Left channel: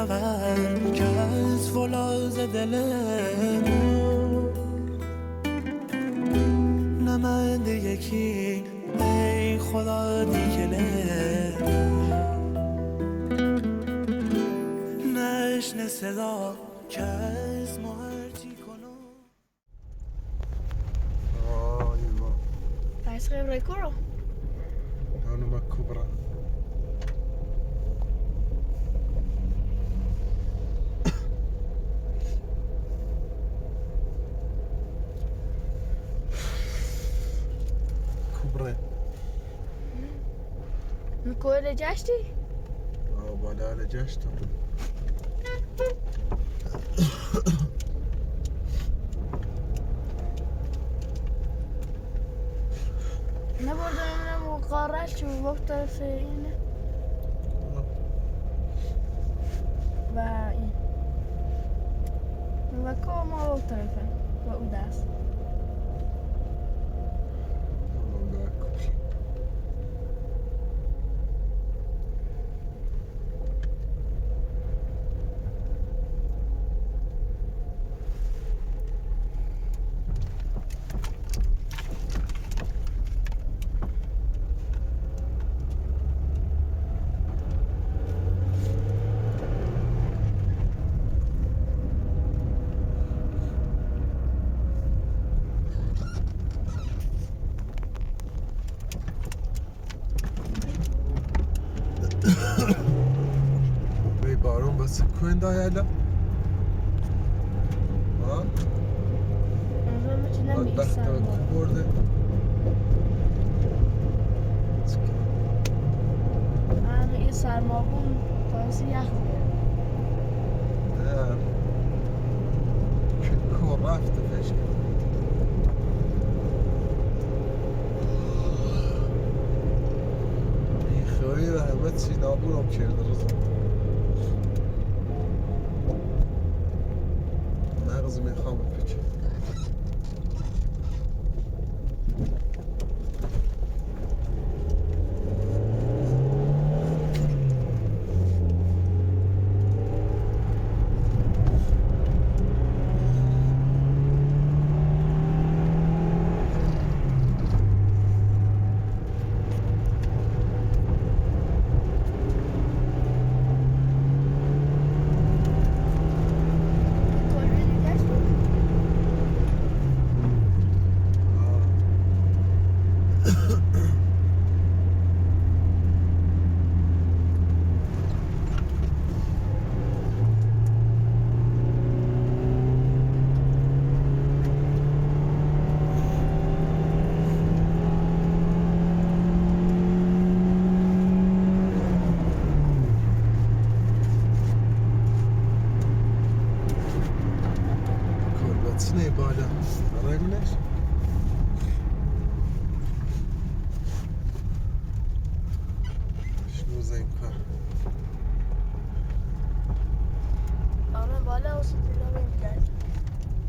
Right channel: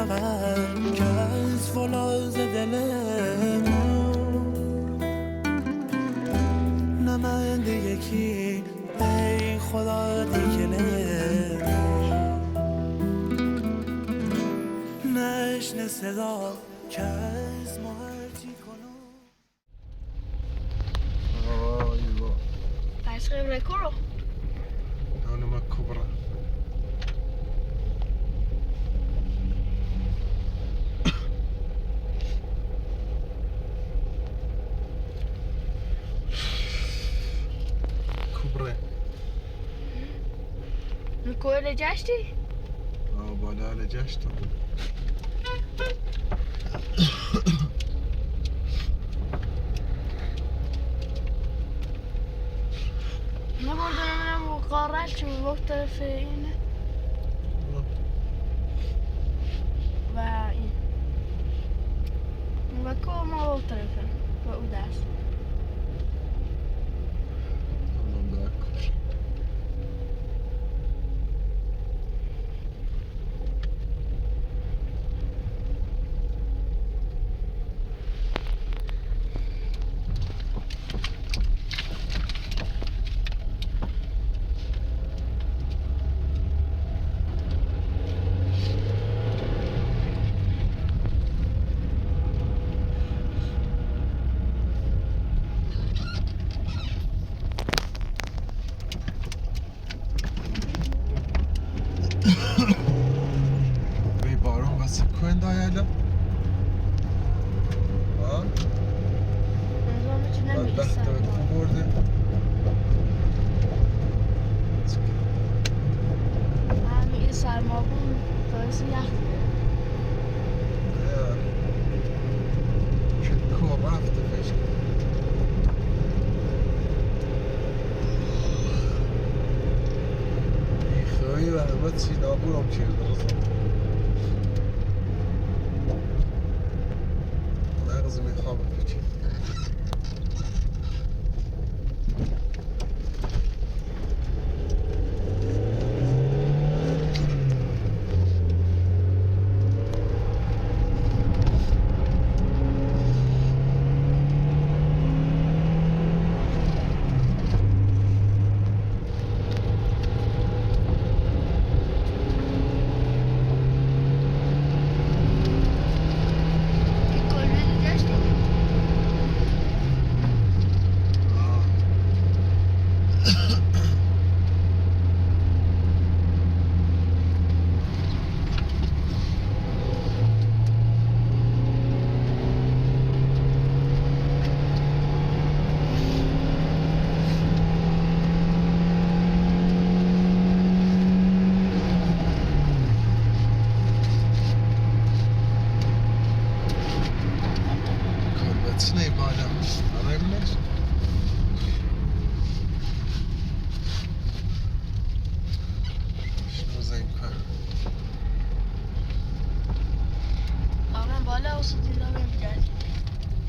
شود که از فولاذ دل ما نمنده یکی ای خدا دیگلمو نشنه صدا که از ما هرچی کنم. Aivan. Pääsikö rekoro? Ne on nämä kobra. Kobra. میکنه جشتی؟ بالا لجاشتم. نبردم من قارت شو وقت طرف اینه و این و که ما وقت طرفه و او دست Kuen dayayla. Ha? نظام میتونم بدبخت کو برده. همه این سرماغون باعث یخ که کو رفته فشک. این خیلی رحمت سینابورم کرده رزم. مغز میخوام بپیچه. Ne bana? Arayabilir misin? شنو زي كان آره بالا وسط اللعبة بجد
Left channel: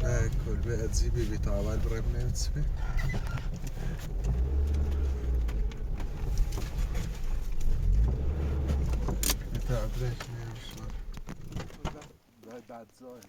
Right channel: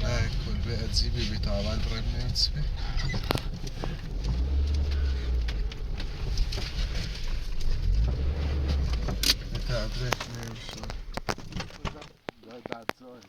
هاي كل بقى تزيبي بتاع بريم نفسي بتاع بريم نفسي بعد زاي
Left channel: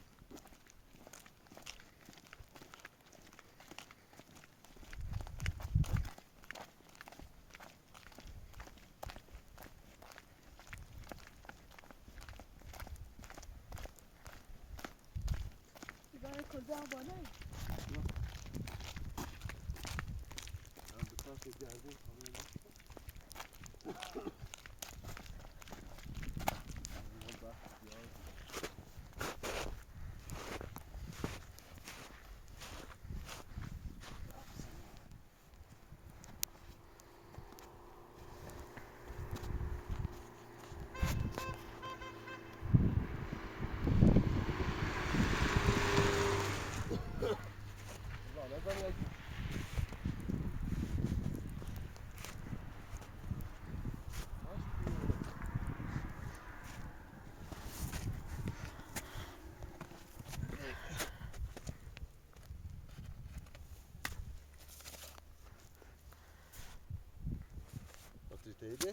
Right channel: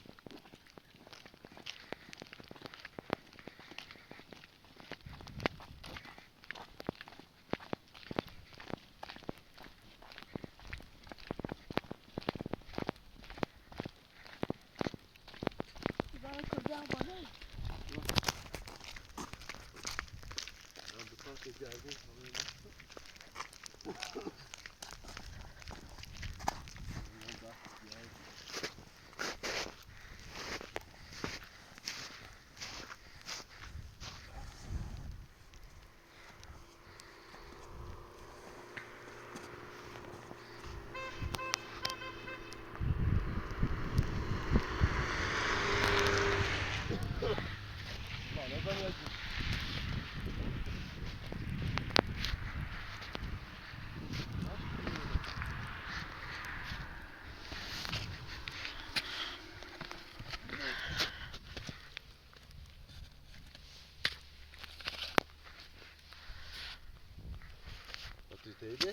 Teyze.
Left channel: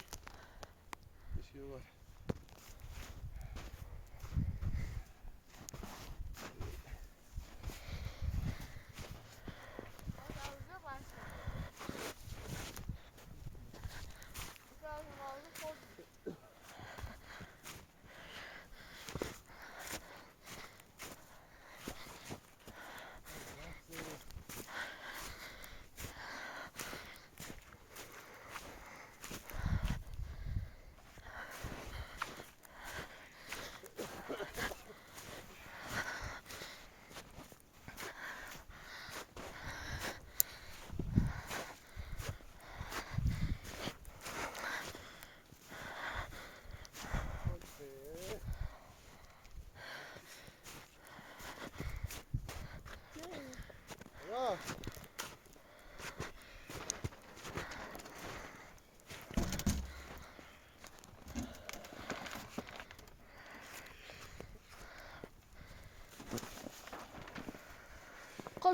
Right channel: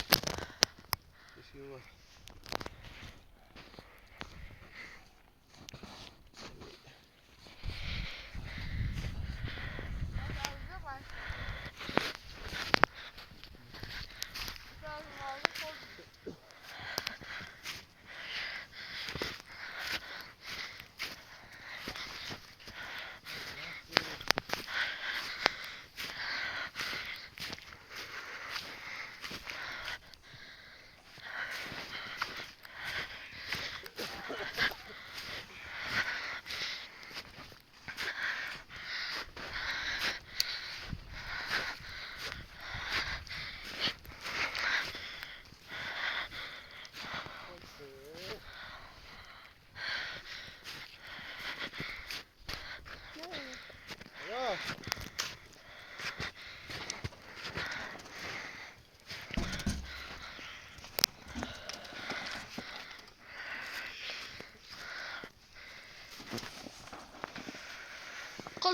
Teşekkür var.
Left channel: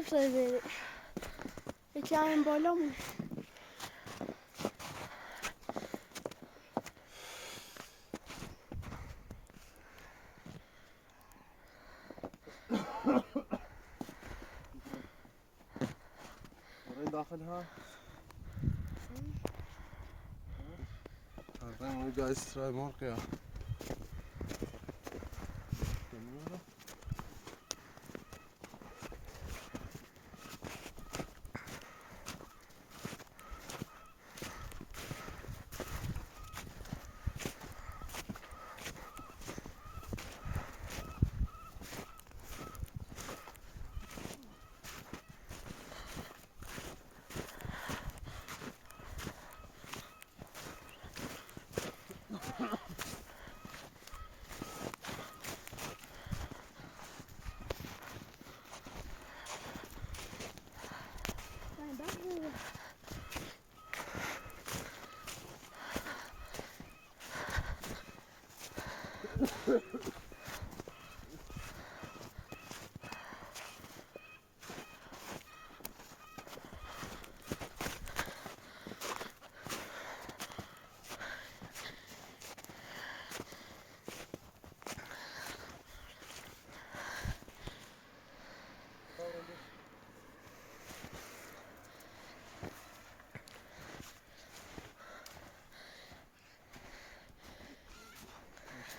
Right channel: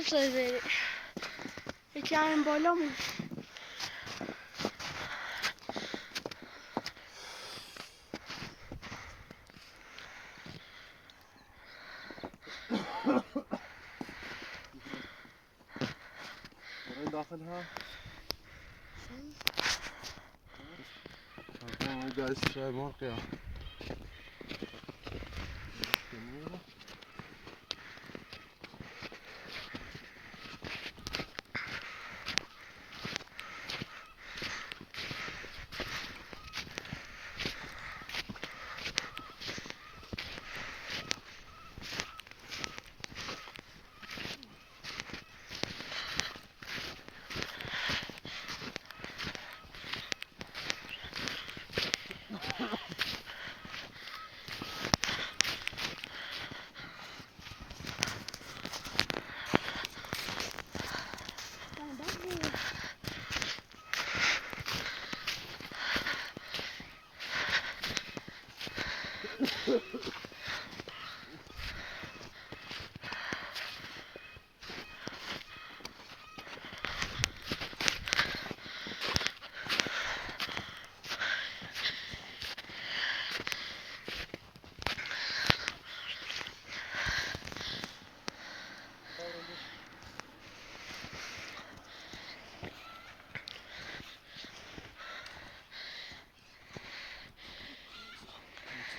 شده یکی همین بالا مون برای داخل ها اون گاز شای مرقی ها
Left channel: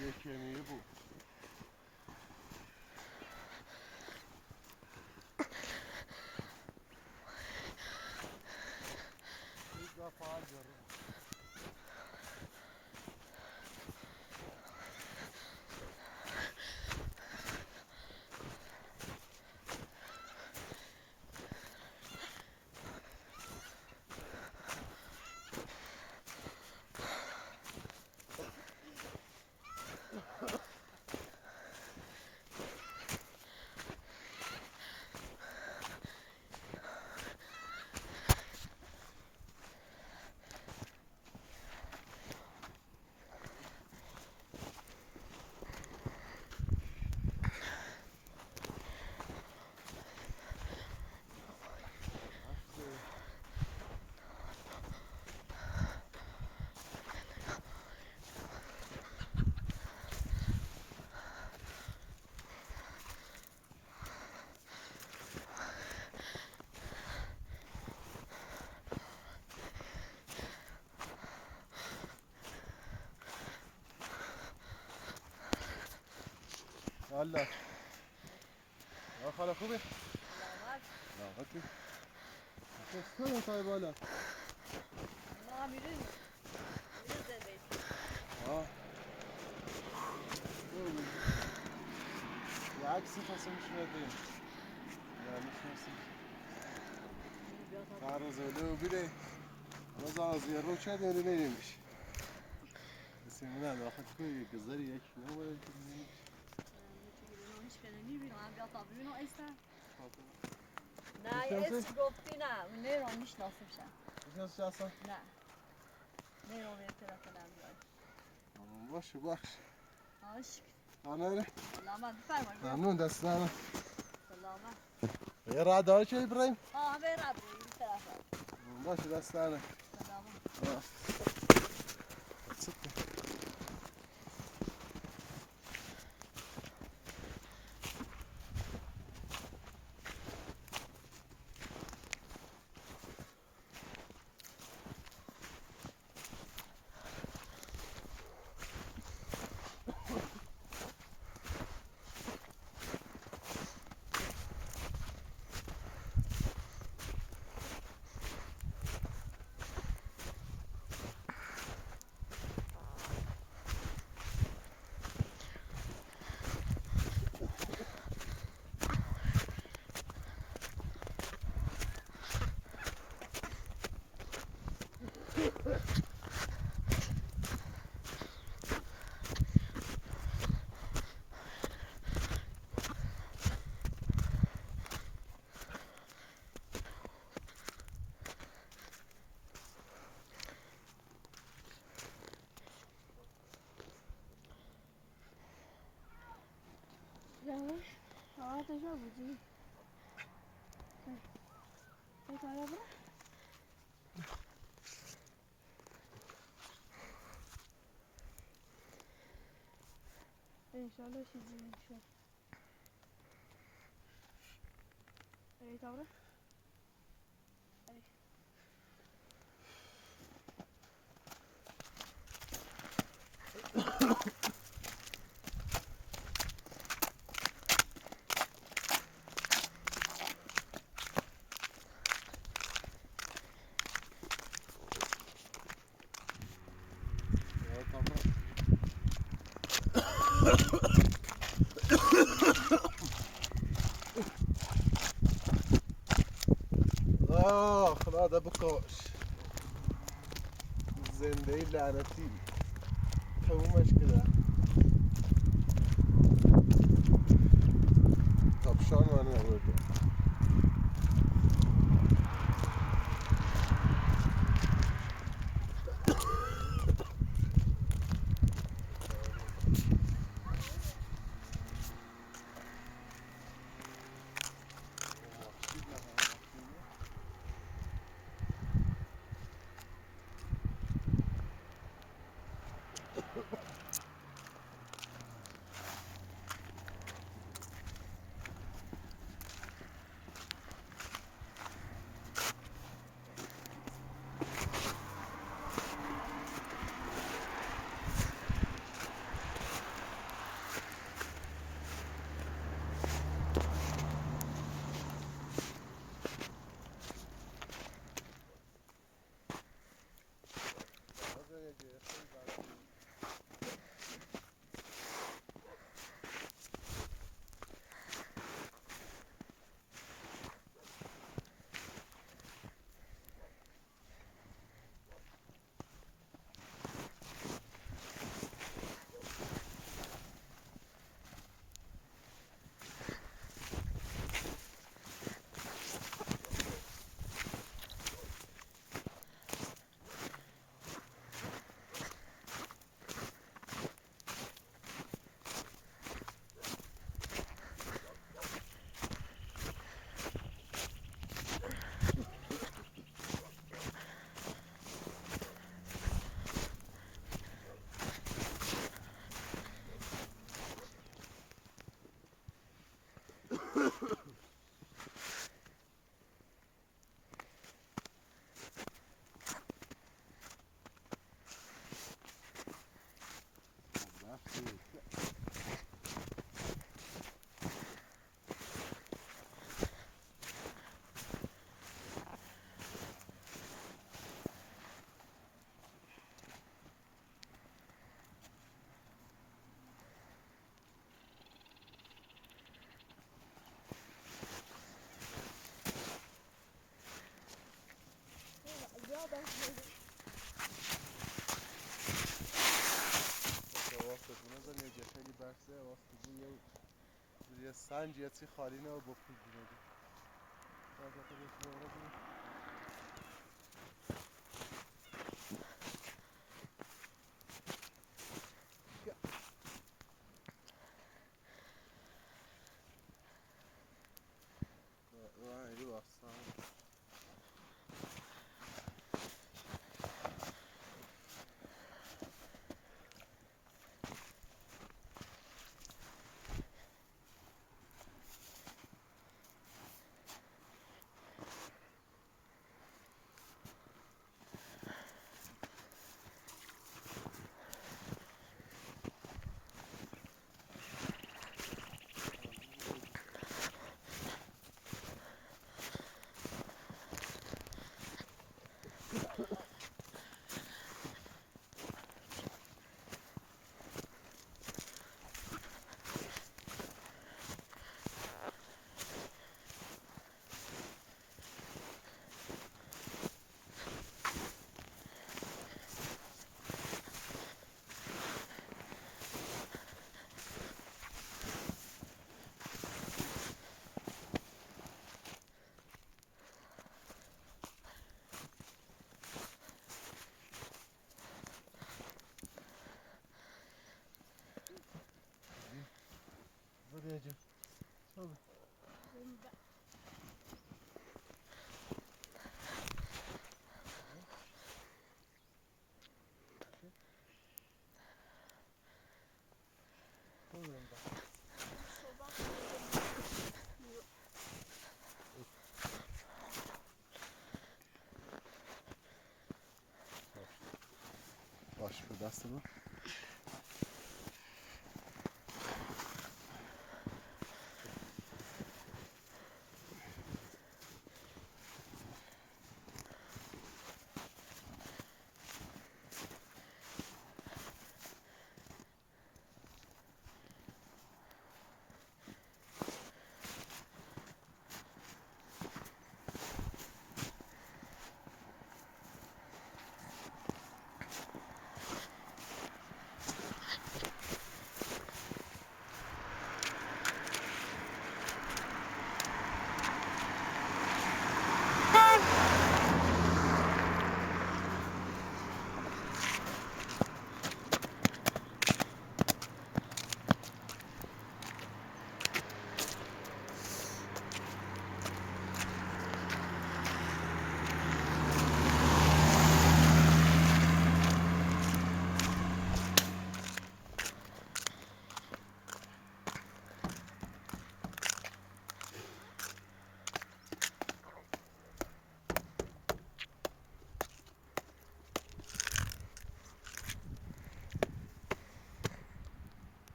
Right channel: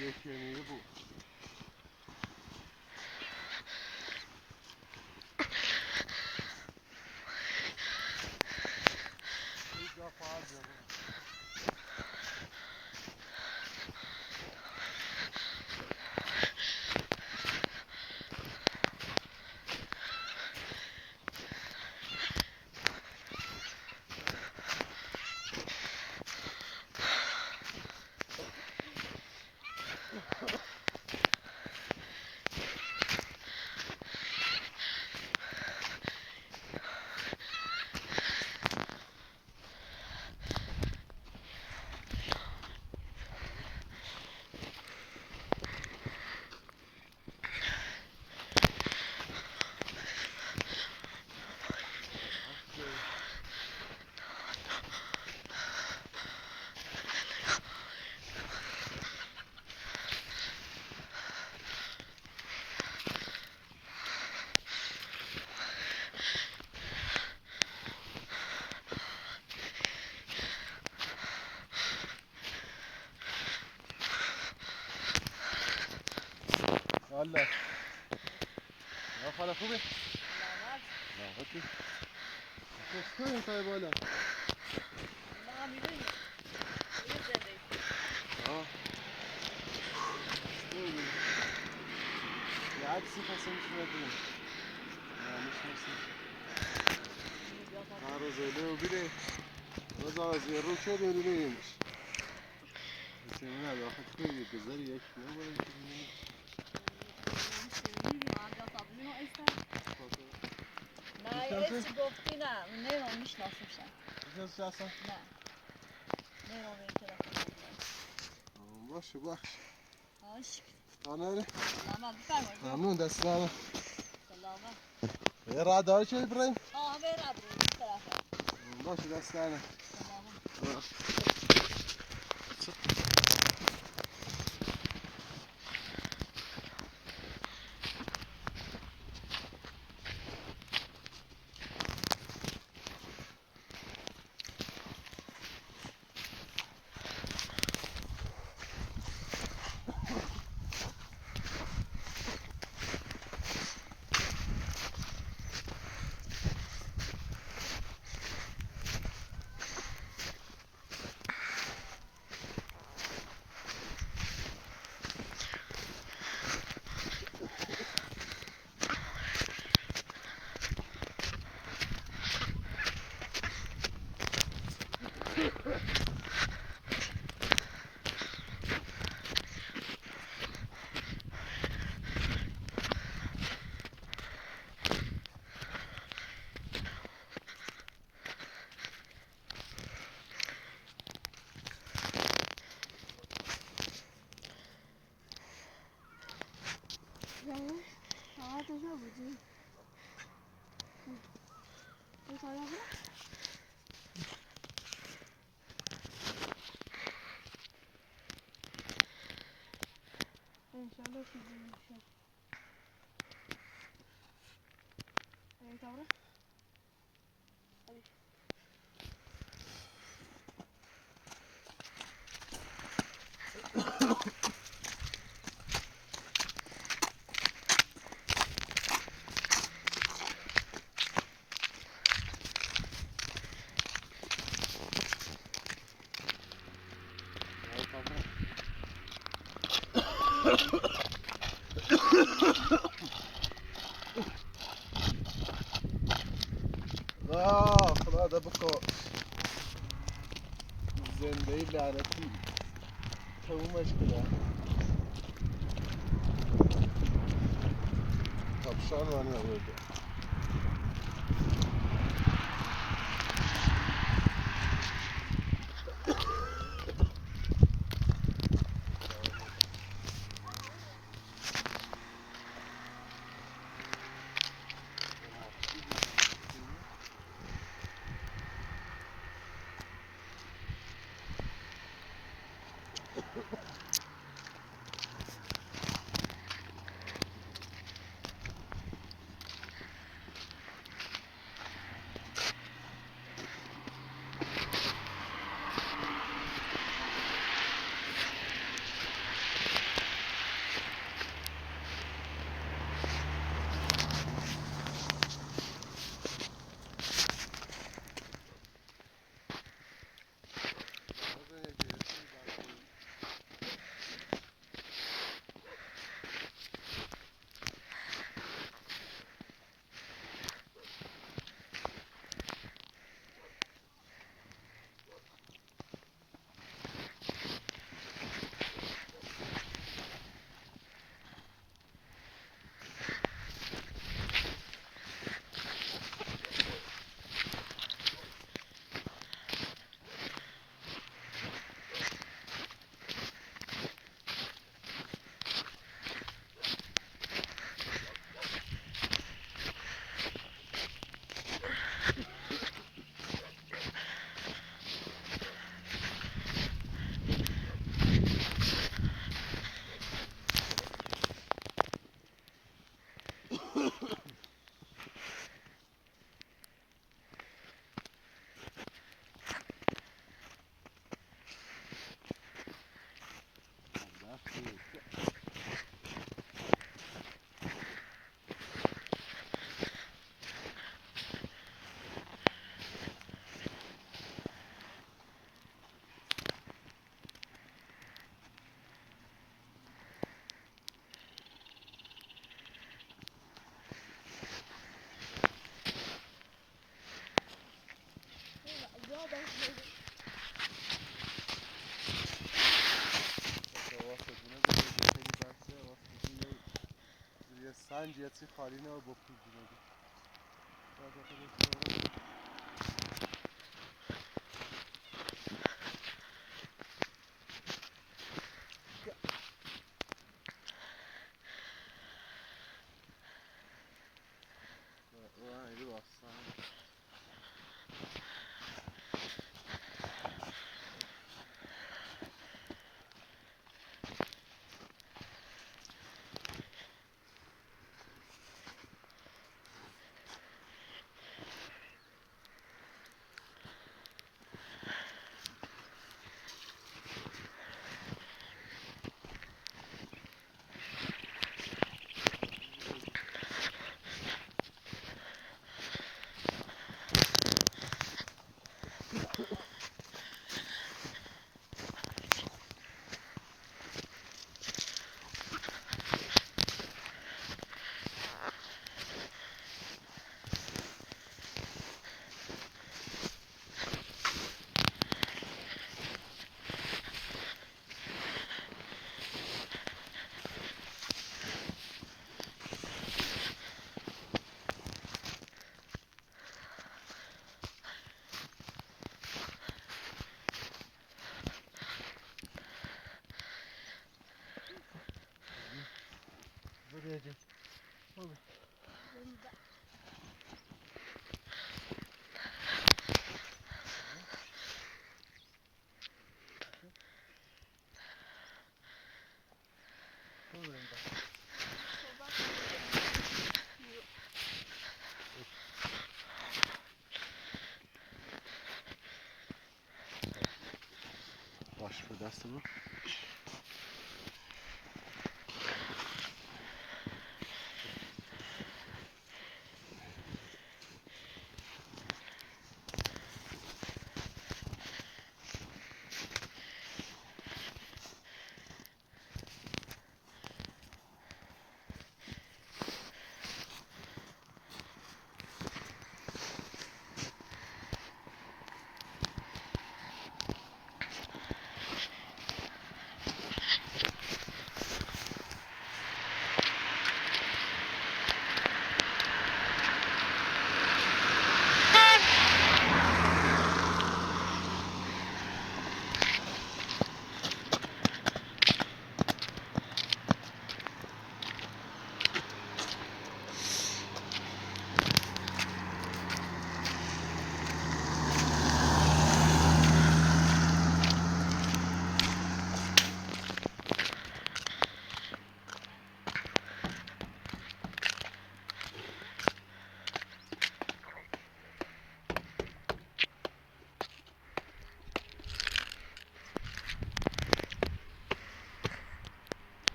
یکی بود الله يا خاله خوبه لا هاتي شو انت يا بولا ما می‌بینی يا عكس فصل شويه دين لا مش نفسي عارض له وبدي وزاز الروح شو بيقولوا لي مش بس ما له اخذ كل بزري يك هو نه یه اسم گفتی نه نمیدونم میشناسمشم شو اصلا نه نمیدونم این تلفن باشه باش باش انا سلامت بفرمایید ممنون دست سلامت سلامت غير رادار شو ابراهيم برم این طرف باشه دست سلامت سلامت زنش ساعتش نبودی انشالله چیزی میشه. ای تابره؟ خدا ده بکش زنده لعنتی تمومش کده کپشان من نبوده سنج یه چی خالی نه و با پول بینیدی Buraya دست من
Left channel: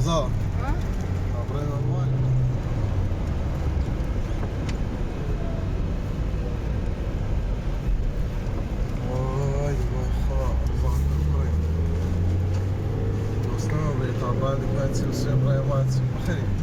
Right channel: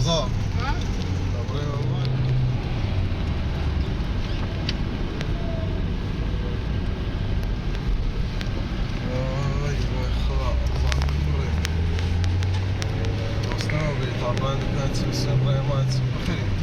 رضا ابراهيم امان وای وای خدا ابراهيم دوستان بيطلعنا دلوقتي بس ابراهيم ما خير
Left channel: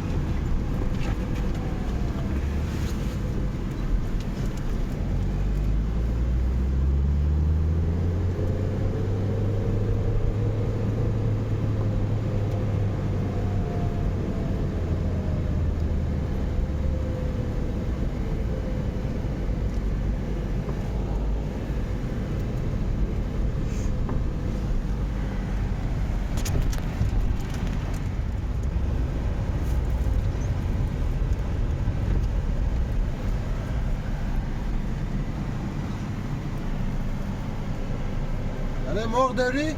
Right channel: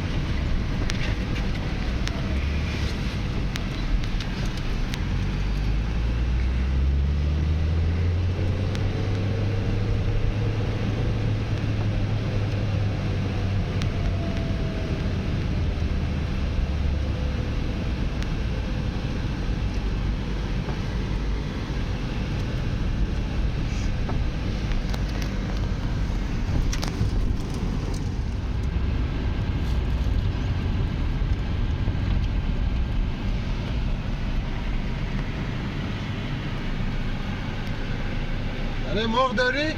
یعنی مرغ داری؟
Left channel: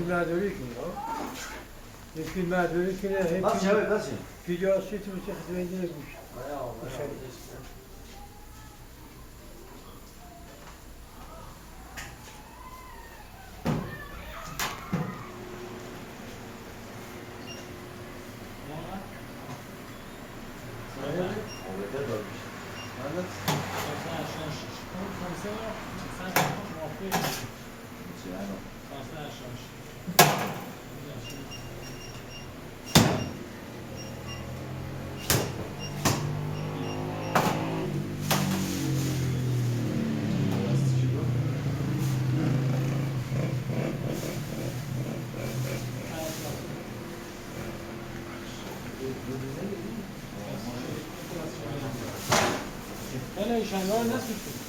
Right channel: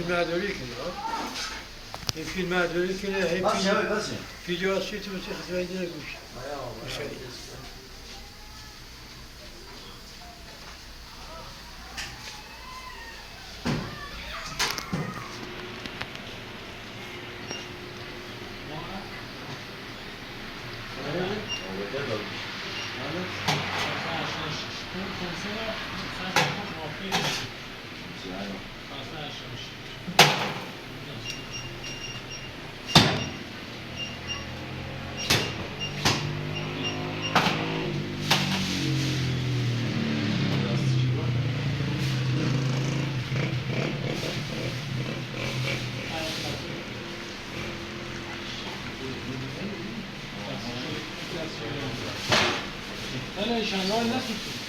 فیلمبرداری کنی ها این فیلمبرداری کنه هی ویدیو تو بسید خطبه دیده گوش مشاهده شنگال نسیدیم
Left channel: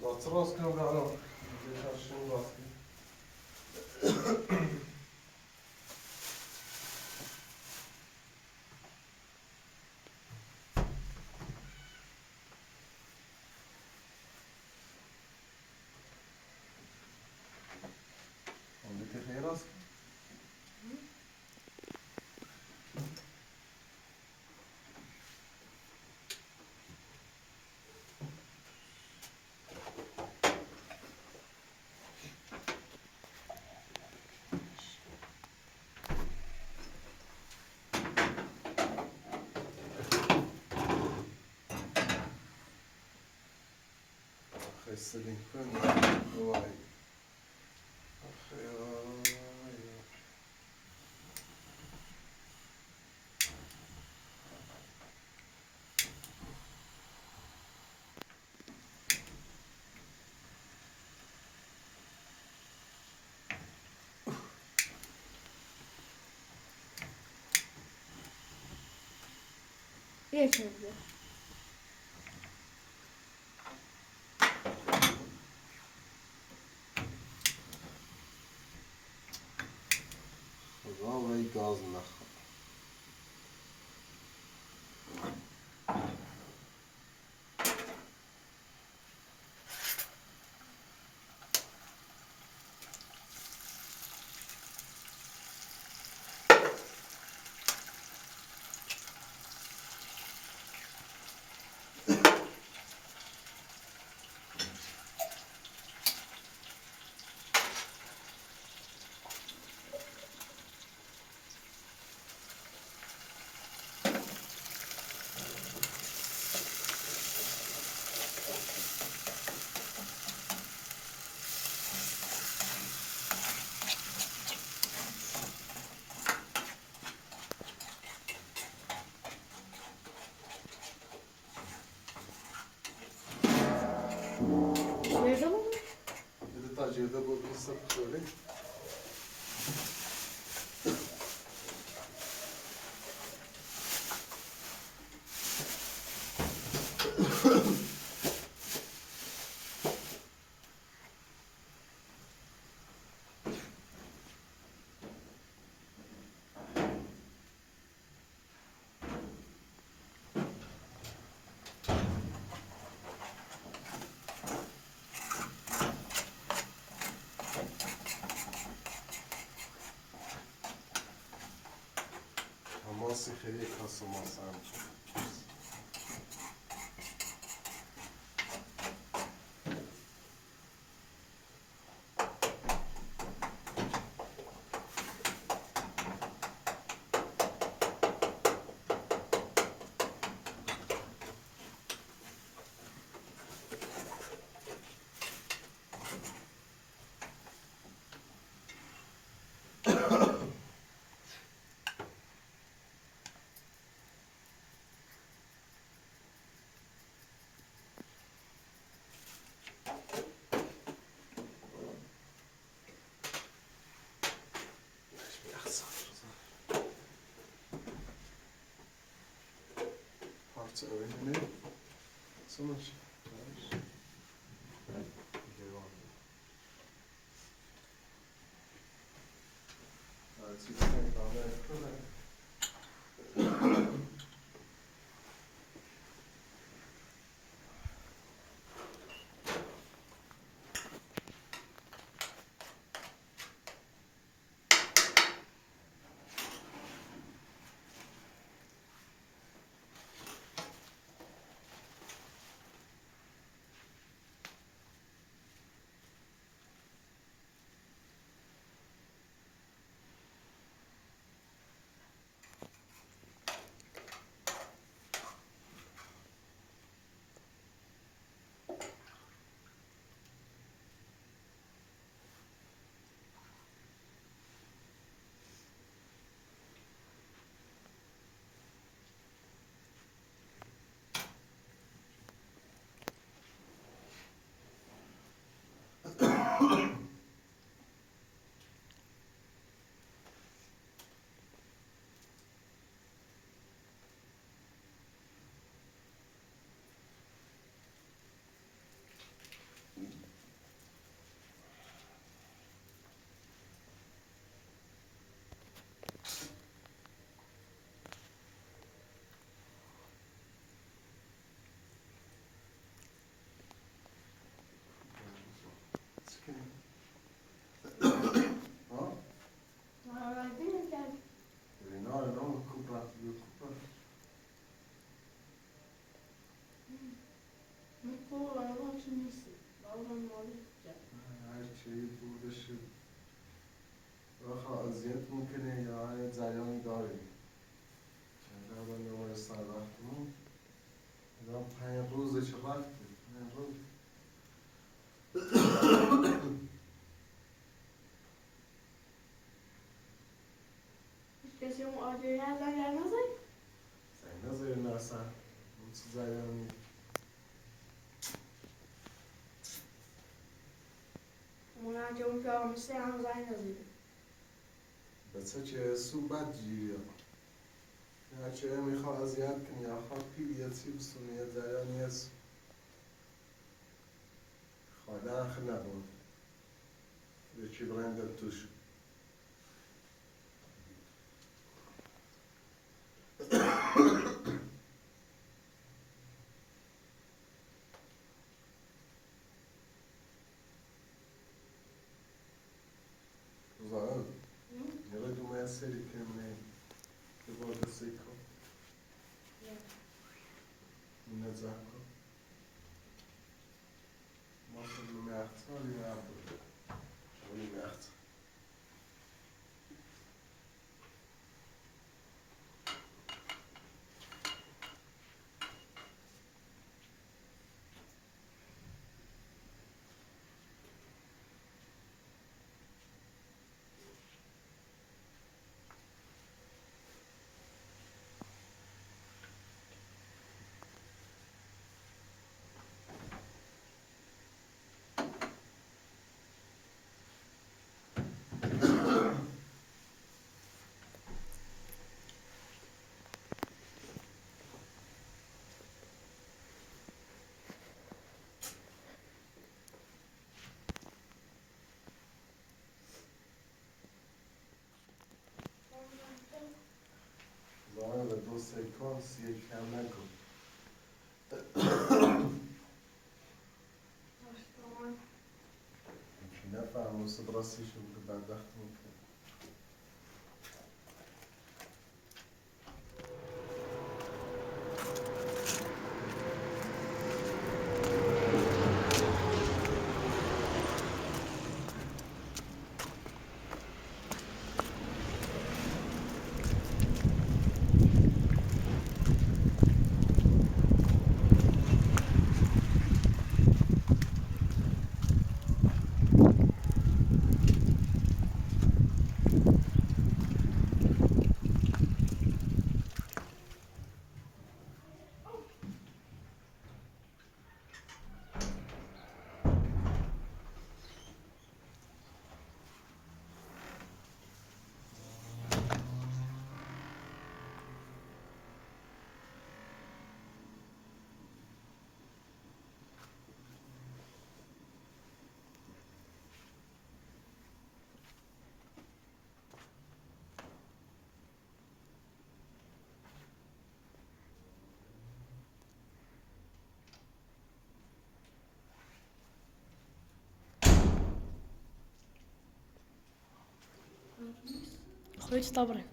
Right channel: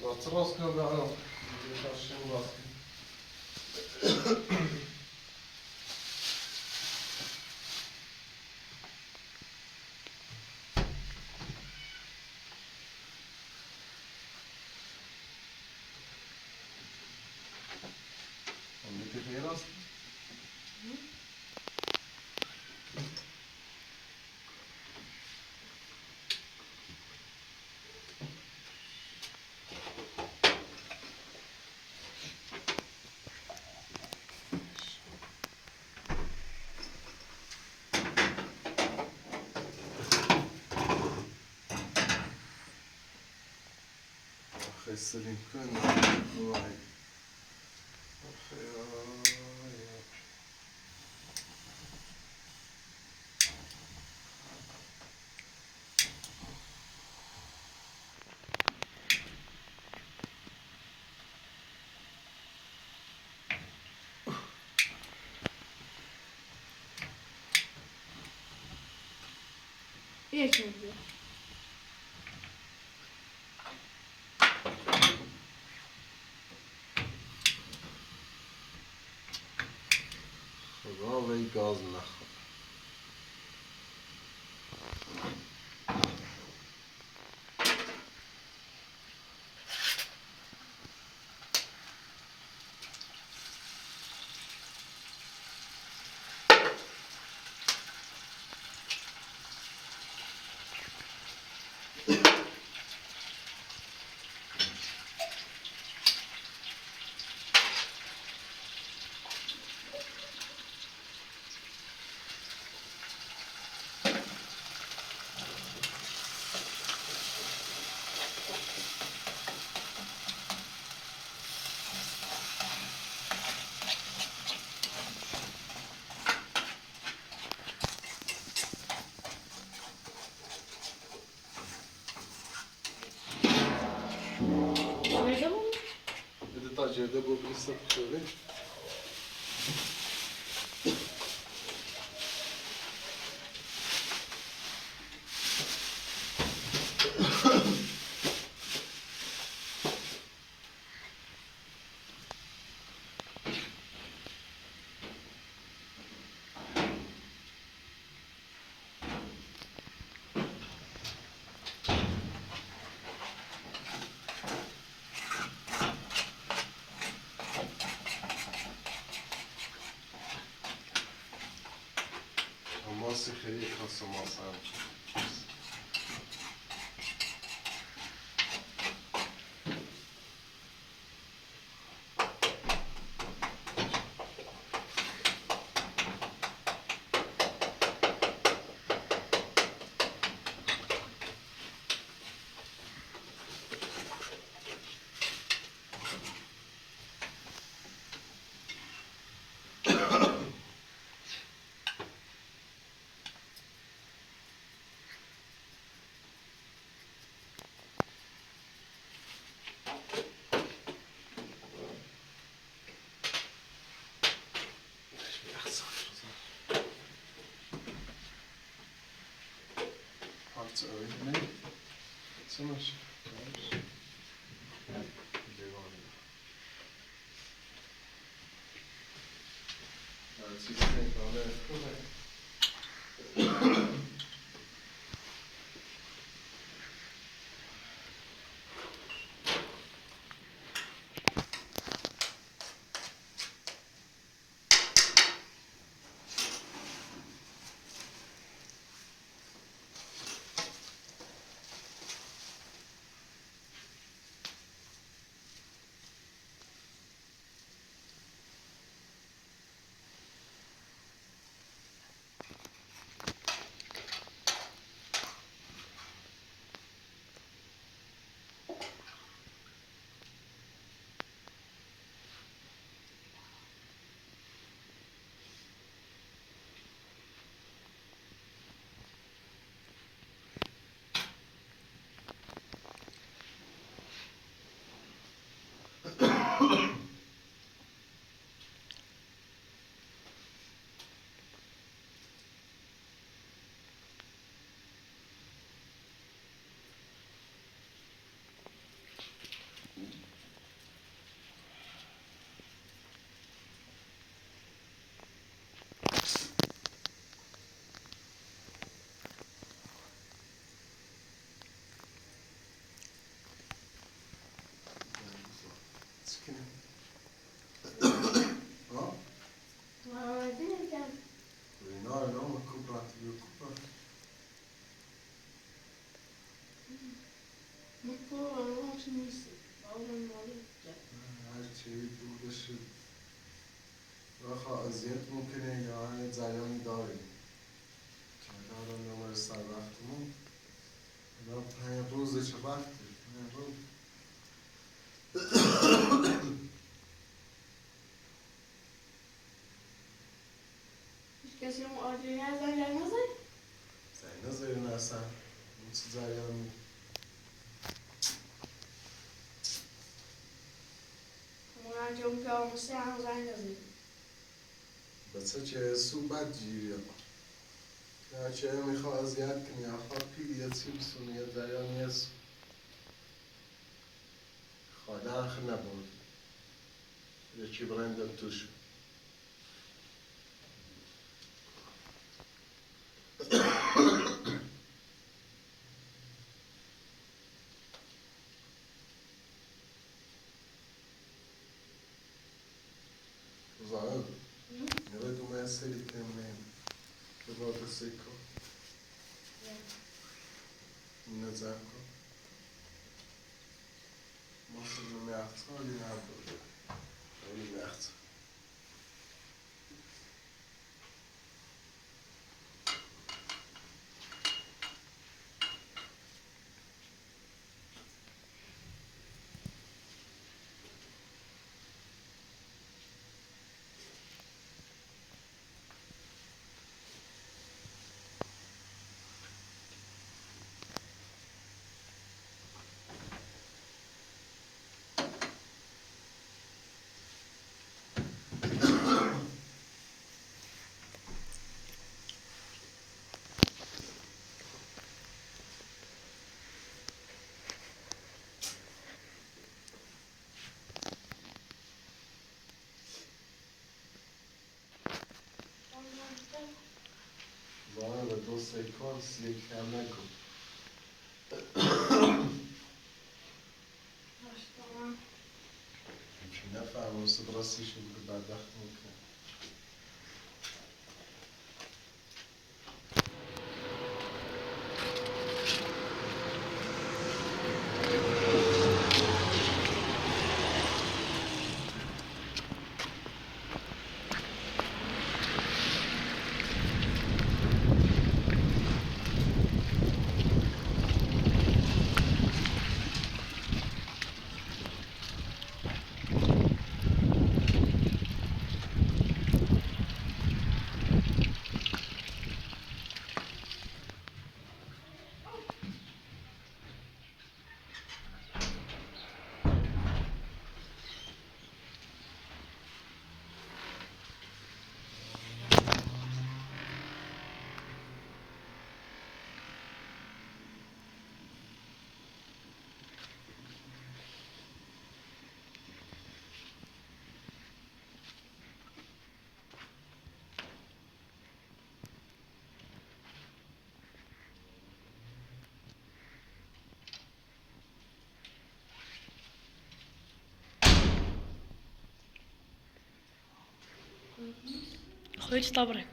Wat roos kan wel nog. Dit is als je wat. Dan moet je veel als. خسرین کنم وای یک دیگه. خدا وی گاز نخور Nerede bu? بده تا جرده بود بیست بخوره ماسی خیلی خاص ماس هم Parça öğrenmeyi sanır. که نیست باورم مالی هر چی دور بشه راه اذیت ممکنه یا جریان داریم چند الان نمار سر وقتمون الان 5 روزه چه وقته 5 روز هیچ کسی اون آجایی از اگر نزد زنگ نذاریم اصلا اون چه جریانی اون انجام که آموزه هم زنگ نزد بچه چه صوبت جیری یا چه میخواه اذیت کنی یا خواه پیل یا چی بسونی یا جریانی هست خواه درخ نبود یا چی برندن توش Zaten ne ve tu me seri che me devo da secco in zacco ma se non mi alzo mi apro non mi alzo Zaten de 2 seconds یک کم نکن چون نفهم مستبرسیشون که بدبخت میکنه Goed, stapperen.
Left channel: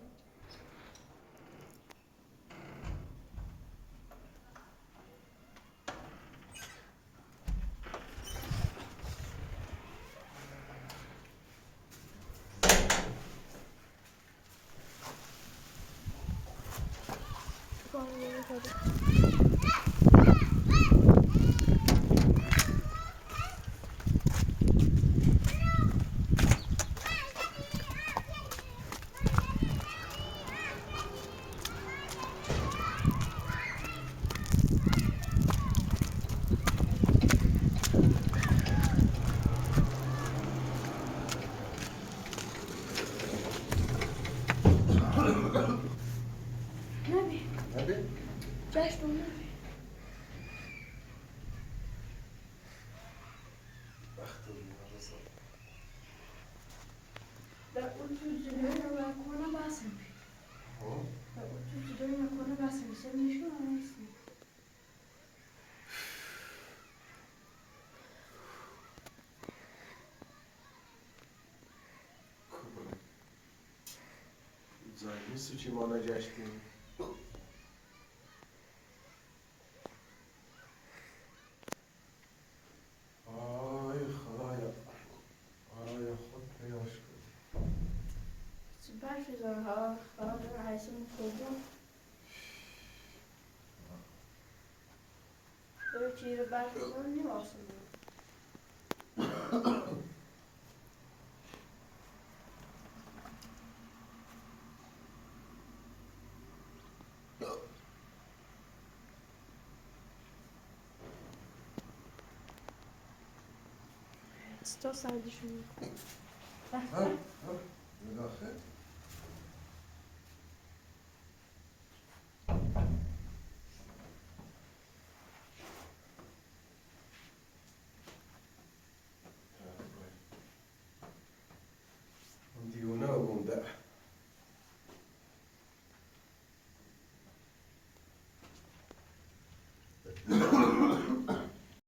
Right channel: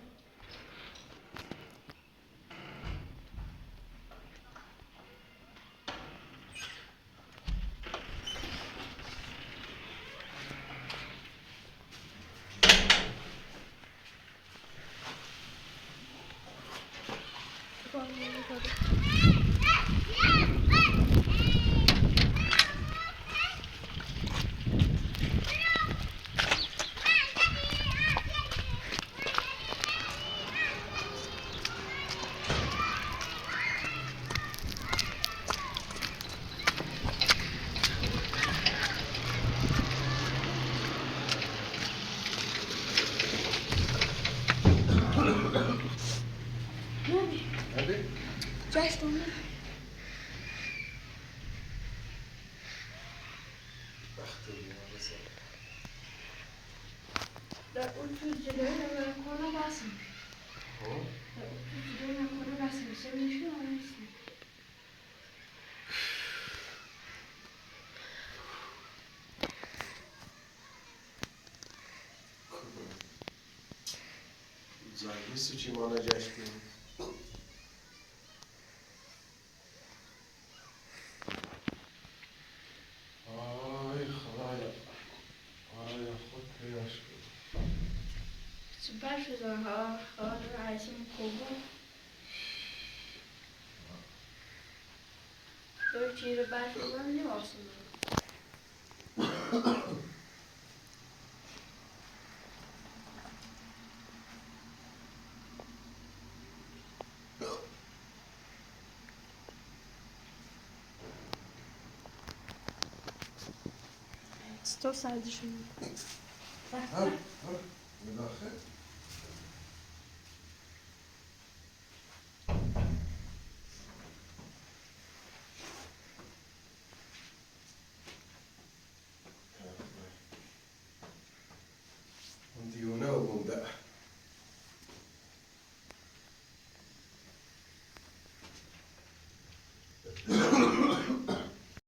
نبی؟ Cześć, Luna. وقت بیمارزه Da uczucie na kona basen. Da uczucie na kona basen. Sen ne şu an istiyorsun? زنگی سوچی مانا جشتی برشزارها عیسیم خوبو دو چیره برشزار نیواسم sto sadece. ها بداخل دیونه بونده